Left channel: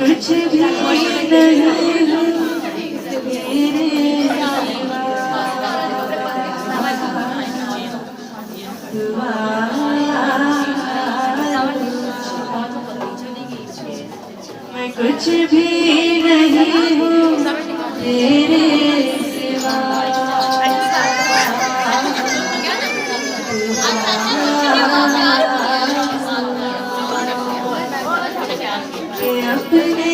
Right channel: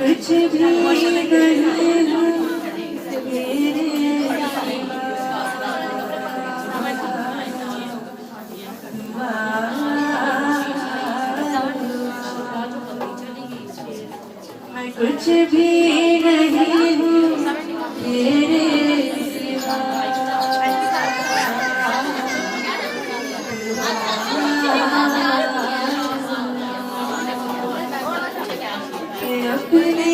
कुछ भी नहीं हूँ मैं कुछ भी नहीं हूँ तेरे सिवा अपने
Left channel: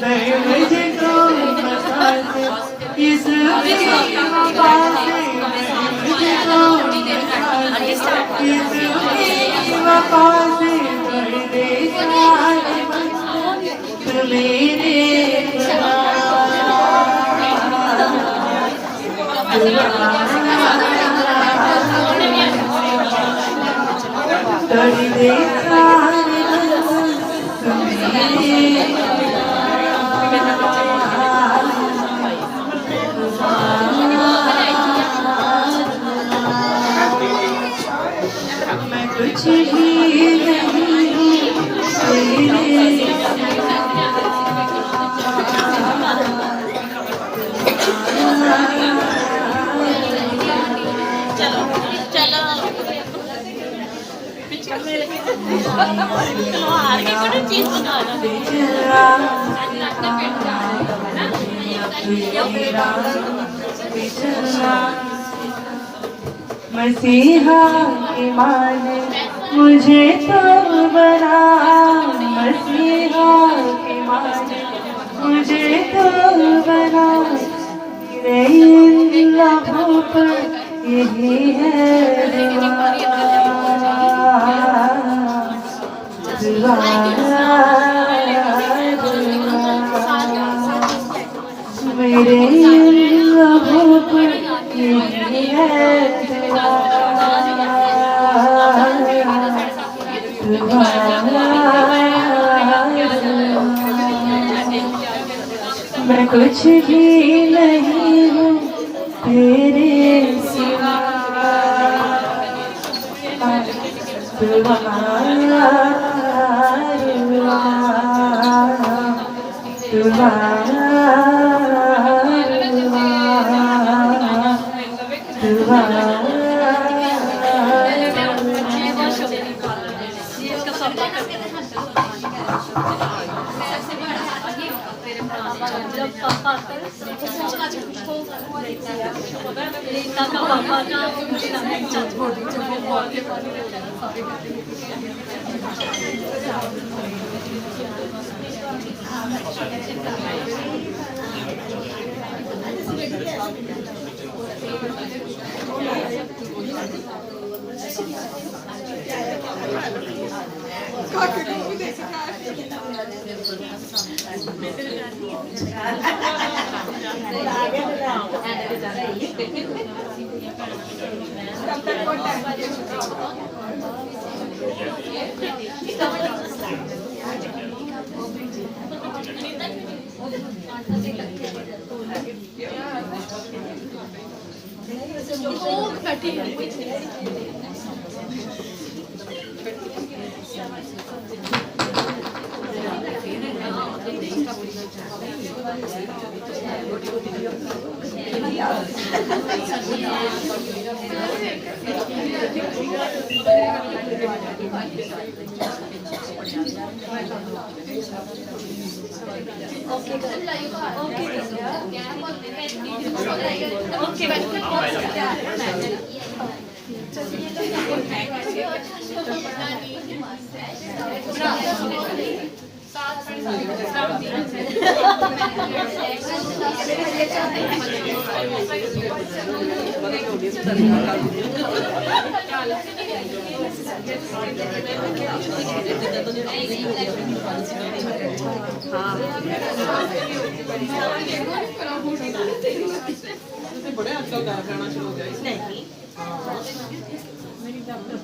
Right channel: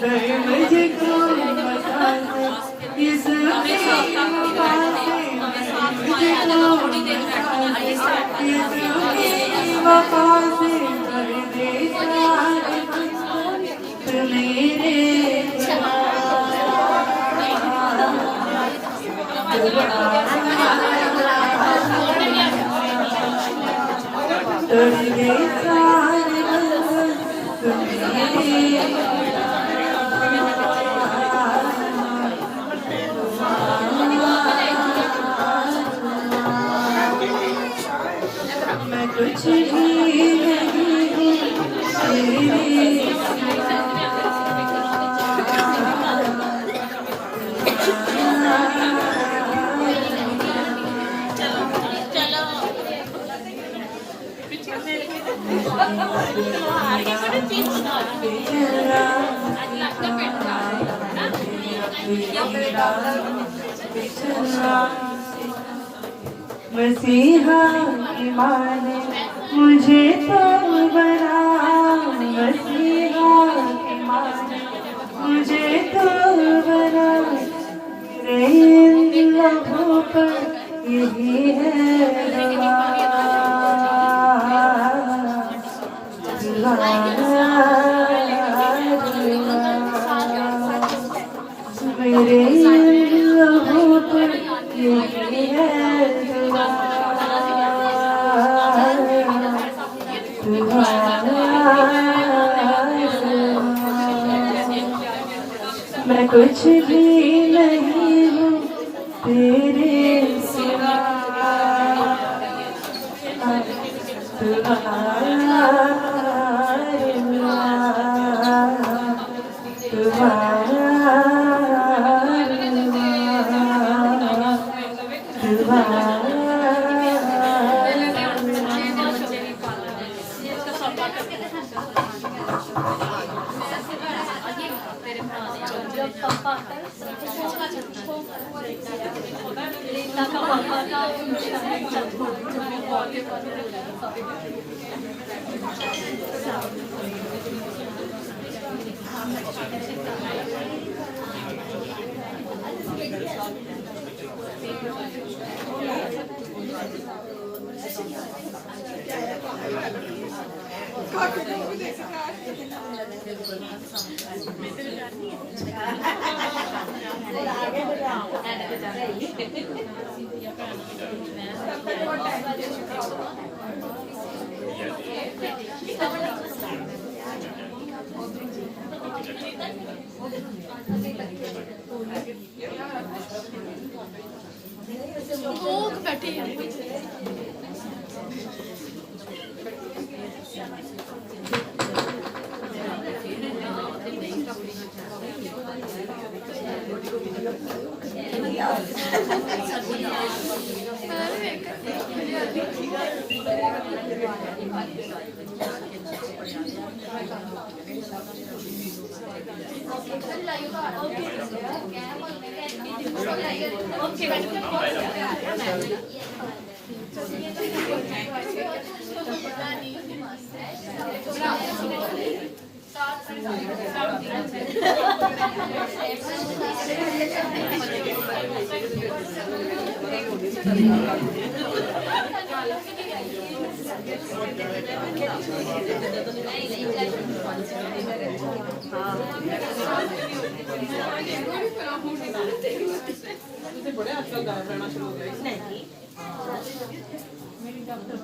मैं मुझको मसाज इस वफा से मुझको मसाज इस वफा से परदेस आए तू मेरे मैं कुछ भी नहीं मसीहा के माने मुझे तो बना, मसीहा के माने मुझे तो बना, मेरे लबों पर यही है दुआ, मेरे लबों पर यही है मैं कुछ भी नहीं हूँ तेरे सिवा, तुम्हारा तुम्हारा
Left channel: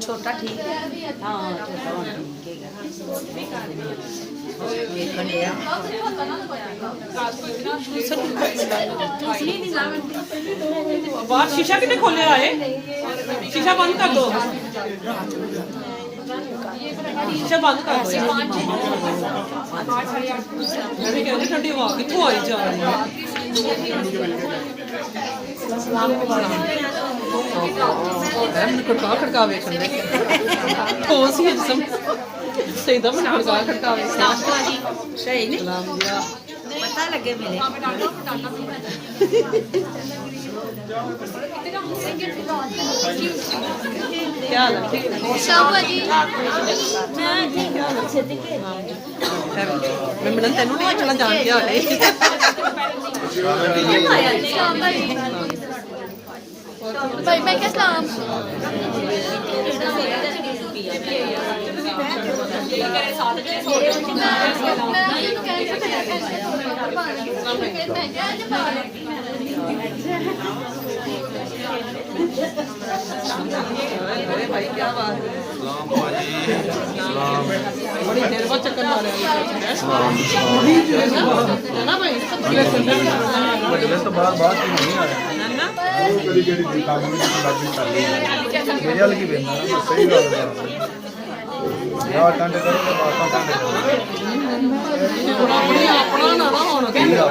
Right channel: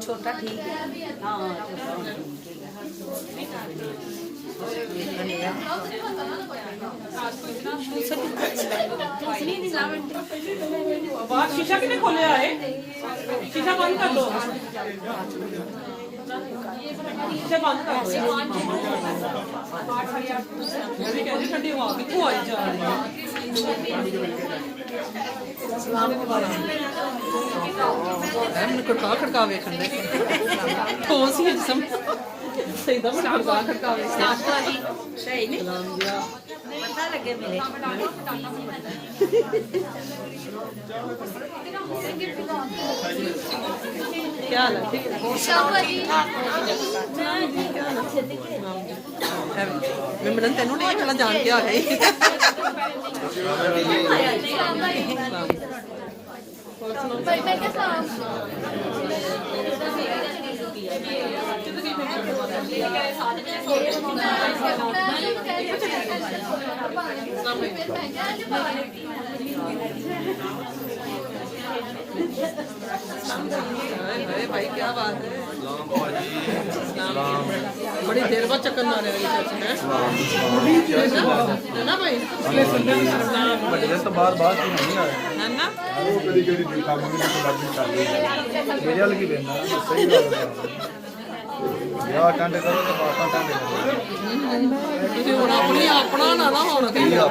छोटा ठीक है। बाहर शीशा कितने खोले आए, शीशा बंद कर दो, शीशा बंद कर दो। मैं कहती ठंडी हवा कितों आई जा रही है। खड़का खड़का वेखन दे ठोस ही जिसम सही दम खड़का खड़का वे सही नहीं पता लगे मिले क्या हाल है? ठीक है। मैं मिलन तेनू नहीं चला जान के आ गई भाई मैं क्या सलाम सलाम भाजी सलाम बड़ी देर बाद चक्कर मारे ਵੱਡੇ ਤੋਂ ਬਾਹਰ ਬਾਅਦ ਹੀ ਨਹੀਂ ਆਇਆ ਉਹ ਕਿਹੜੀ ਕਿਹੜੀ ਕੰਮ ਨੂੰ ਪੰਜਾਬੀ ਕਰ ਲਈ ਮੇਰੇ ਵੱਲ ਕੀ ਵੇਖਣਾ ਨਾ ਮੈਂ ਸਹੀ ਗੱਲ ਦੱਸਦਾ ਯਾ ਟੰਡ ਕਰੋ ਤੇ ਮਾਤਾ ਟੰਡ ਕਰੋ ਆਪਣਾ ਨਾ ਹੋਣਾ ਜਿਹੜਾ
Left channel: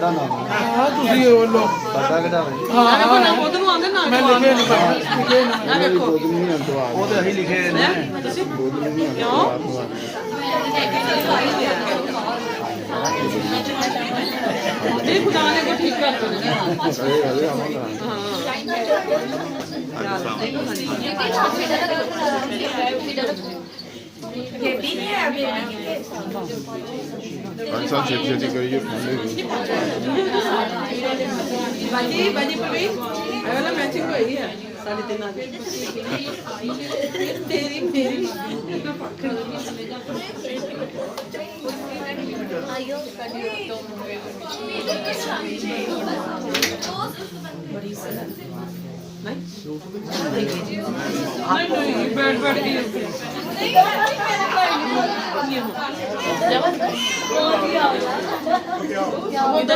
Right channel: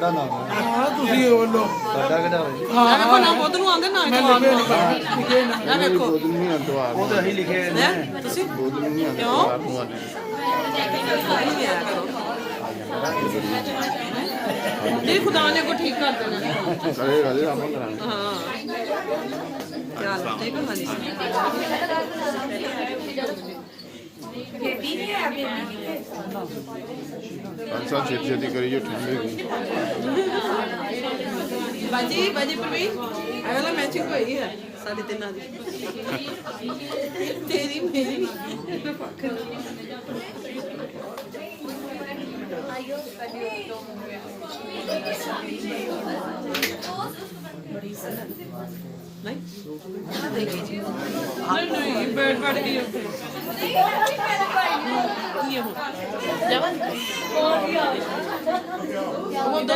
ਨਾਮ ਹਾਂ ਤੁਸੀਂ ਉਹ ਲੋ ਸਾਡਾ ਕਿਹੜਾ ਹਾਂ ਹਾਂ ਖੁਦ ਨੂੰ ਆਂਦੇ ਨਾ ਮੈਂ ਲਿਖੇ ਨੇ ਲਿਖੇ ਨੇ ਉਹ ਤੇ ਅਸੀਂ ਲਿਖੇ ਨੇ नहीं खुदा ने को ठीक कर दिया ਪੰਜ ਸਾਲ ਛੇਤੀ ਛੇਤੀ ਕਰੀਏ बाजी बाजी प्रवीण अगला मैचिंग हुई है साढ़े 3 आगे तेरी मेरी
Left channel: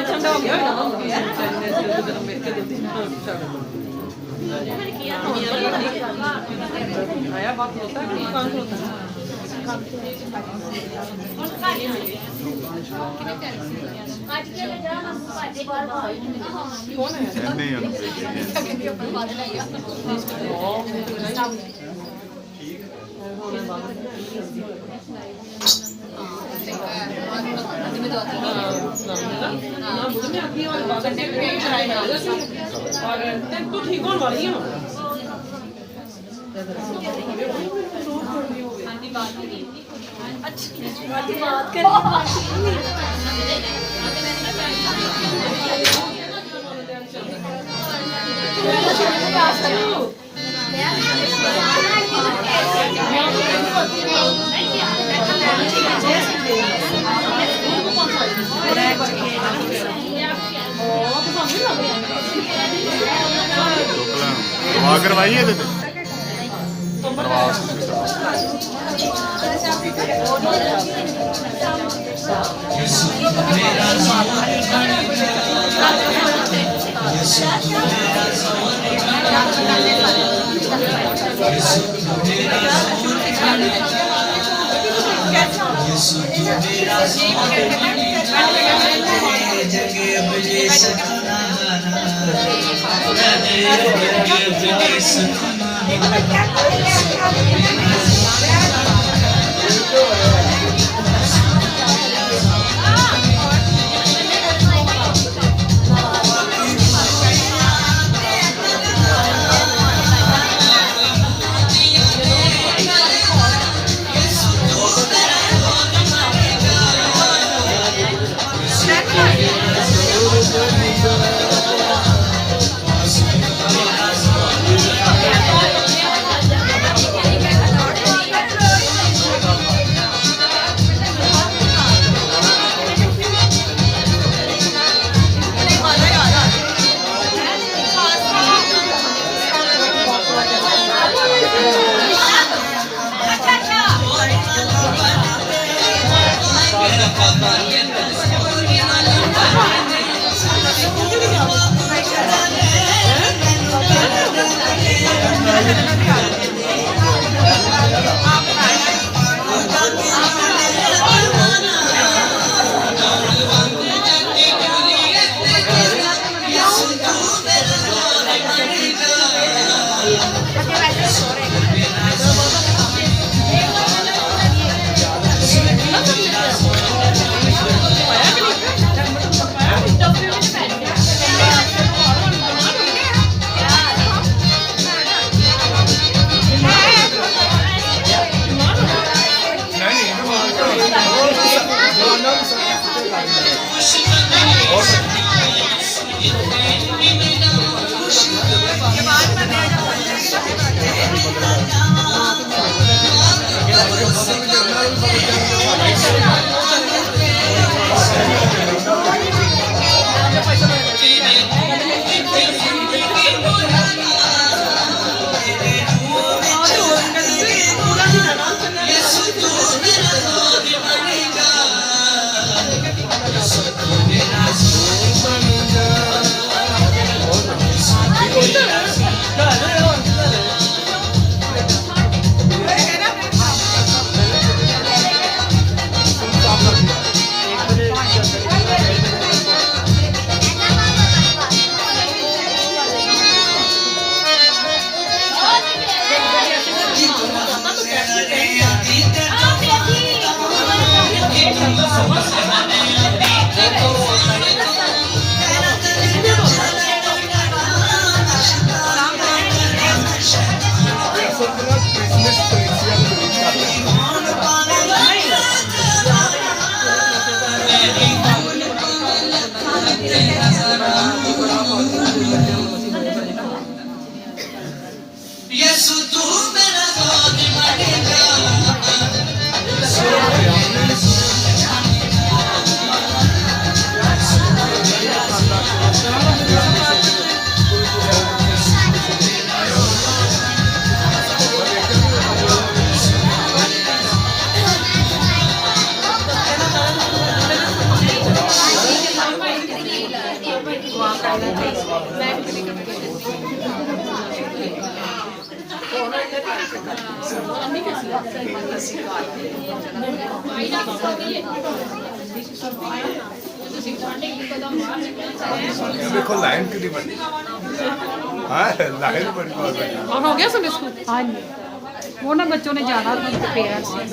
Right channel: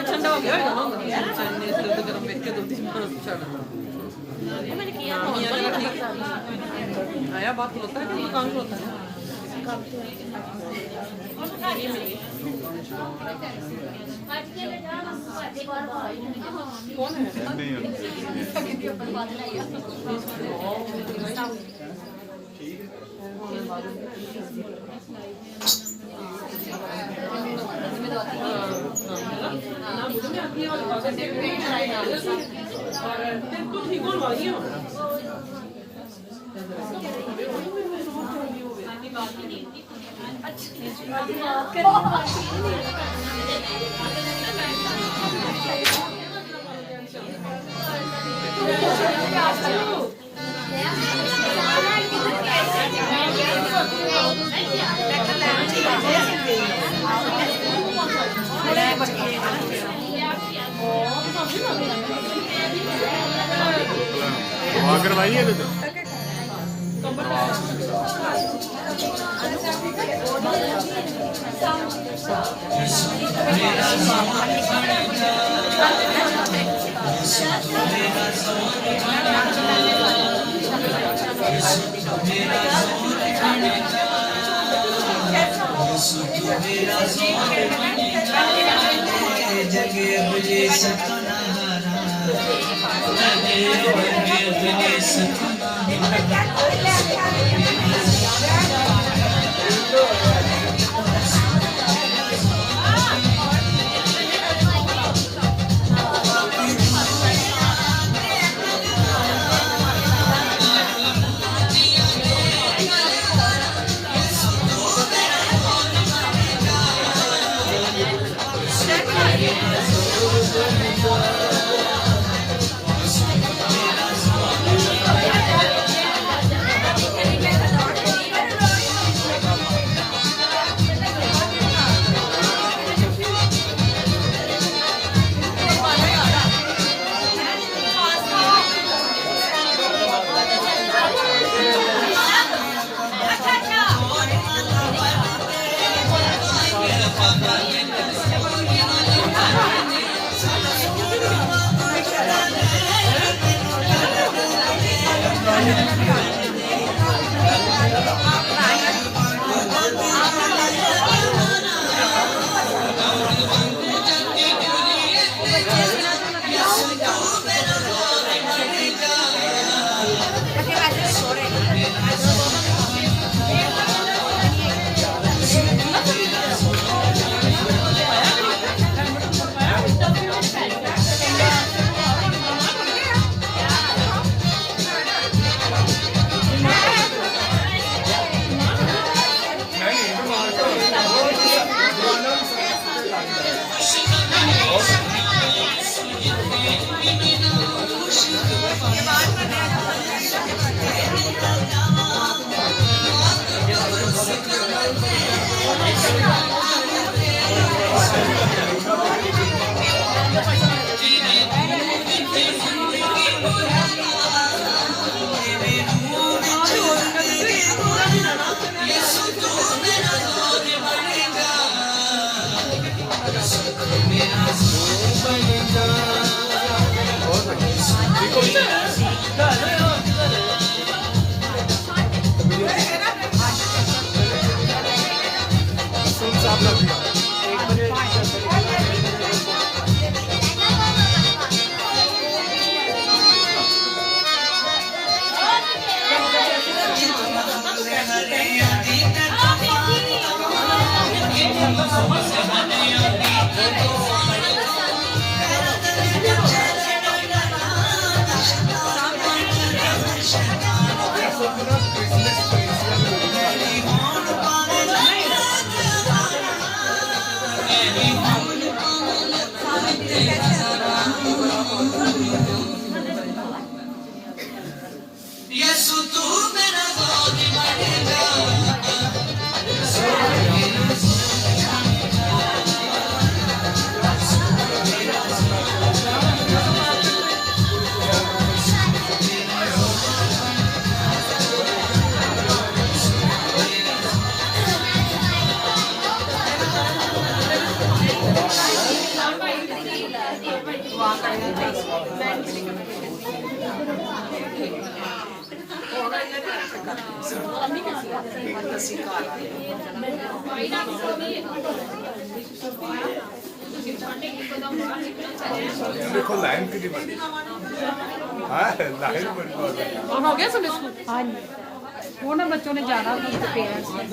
ठंडा हो गया आया बात होता है कौन होता है कौन है ਨਹੀਂ ठीक होने वाली है ਦਵਾ ਕਰਵਾਈ ਇਹਦੇ ਤੇ देखो लाइन कितनी बड़ी हाँ लाइन बड़ी और हो गया संडे स्कूल हाँ जी वो ना बच्चों ने जाना था पेरेंट्स ने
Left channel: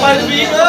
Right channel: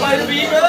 ਭਾਈ ਵੀਰ